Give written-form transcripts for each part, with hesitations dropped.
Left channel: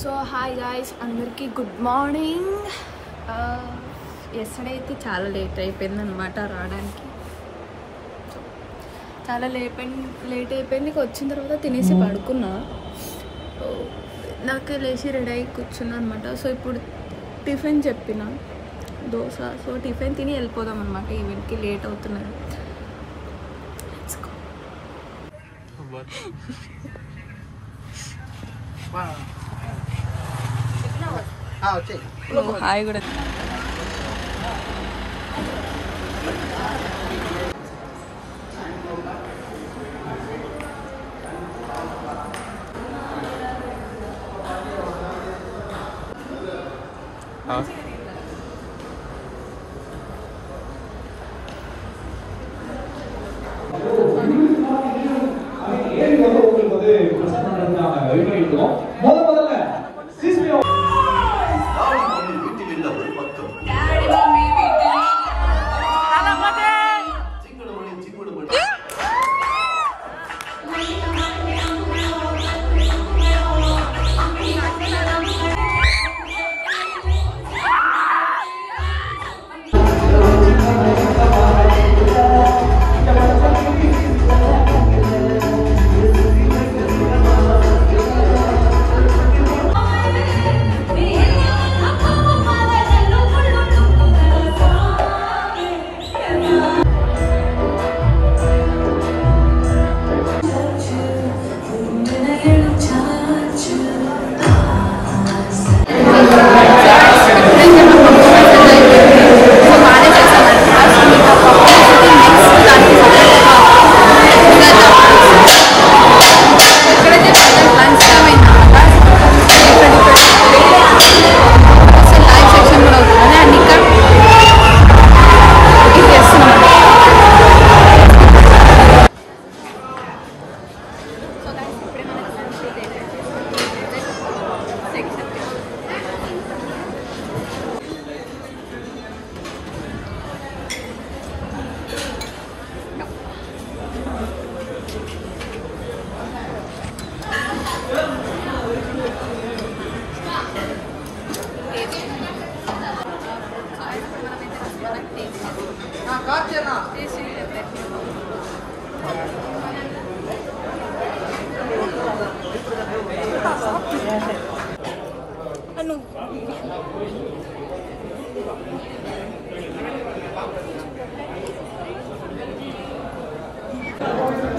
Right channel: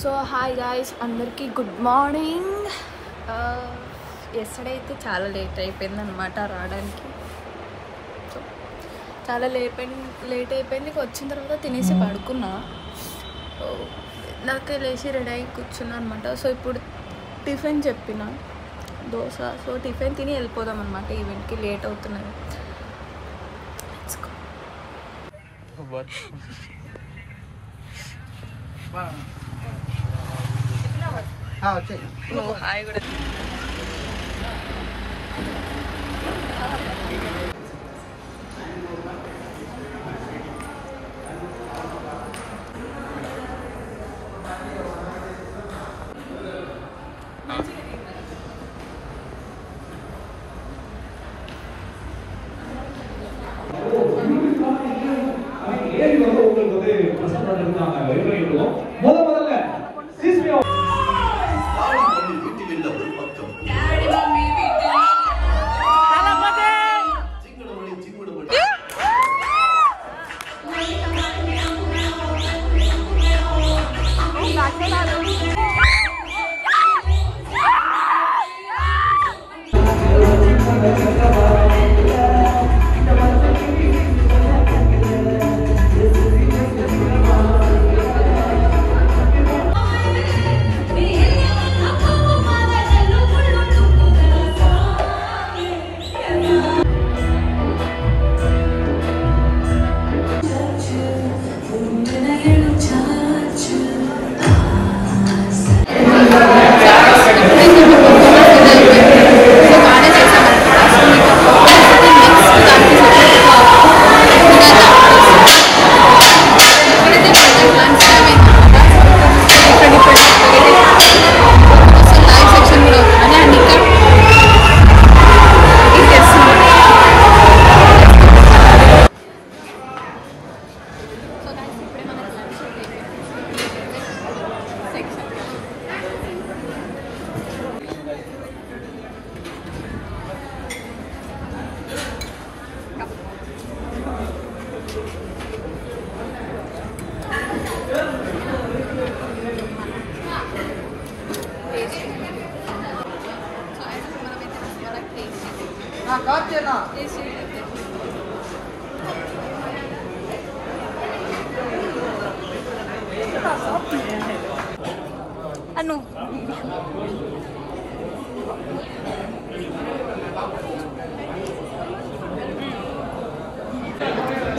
So hi guys, అందరికీ good morning. Yesterday అయితే చాలా లేట్ అయిపోయింది అనమాట రావడానికి. సో చాలా లేట్ అయిపోయింది. వచ్చిన తర్వాత తినేసి పడుకున్నా. సో నాకు లేచి రెడీ అయ్యి కూర్చున్నా అనమాట. సో ఇప్పుడు టిఫిన్ చెప్పిన దోశ. సో టిఫిన్ తిని వెళ్ళిపోదాం అనమాట. ఈవెంట్కి లేట్ అవుతున్నది. హాయ్ కూడా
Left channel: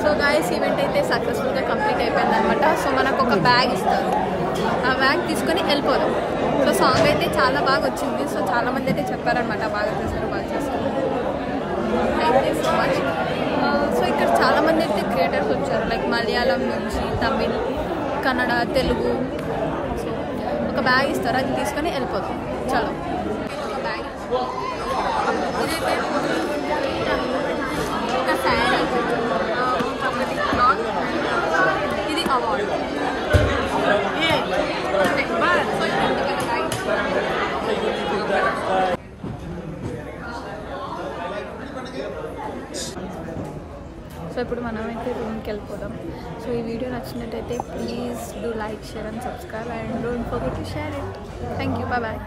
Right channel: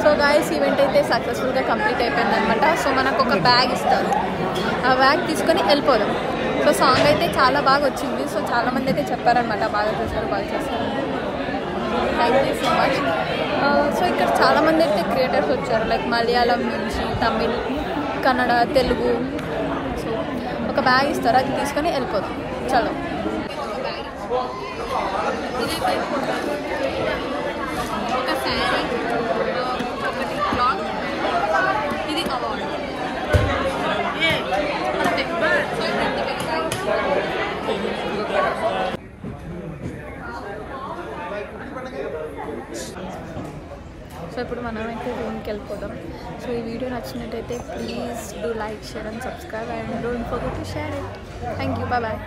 సో గాయస్, ఈవెంట్ అయితే సక్సెస్ఫుల్గా కంప్లీట్ అయిపోయింది అనమాట. సో మనకు ఒక బ్యాగ్ ఇస్తారు. ఆ బ్యాగ్ తీసుకొని వెళ్ళిపోదాం. సో సాంగ్ అయితే చాలా బాగా వచ్చింది. సో చాలామంది అయితే చెప్పారనమాట, బాగా చేస్తారు. Thank you so much. So ఇక్కడ చాలామంది అయితే క్రియేటర్స్ వచ్చారు, లైక్ మలయాళం నుంచి, తమిళ్, కన్నడ, తెలుగు. సో ఒక బ్యాగ్ ఇస్తారు, అది తీసుకొని వెళ్ళిపోదాం. చలో. ఒక బ్యాగ్ ఇదైతే ఒక శారీ, ఒకటి క్లాత్, ఇది అవార్డు. సో ఇప్పుడు మనమైతే రూమ్కి వెళ్ళిపోదాం. సో ఈ వీడియో నచ్చినట్టయితే please do like, share and subscribe and don't forget to share it. Thank you. Bye.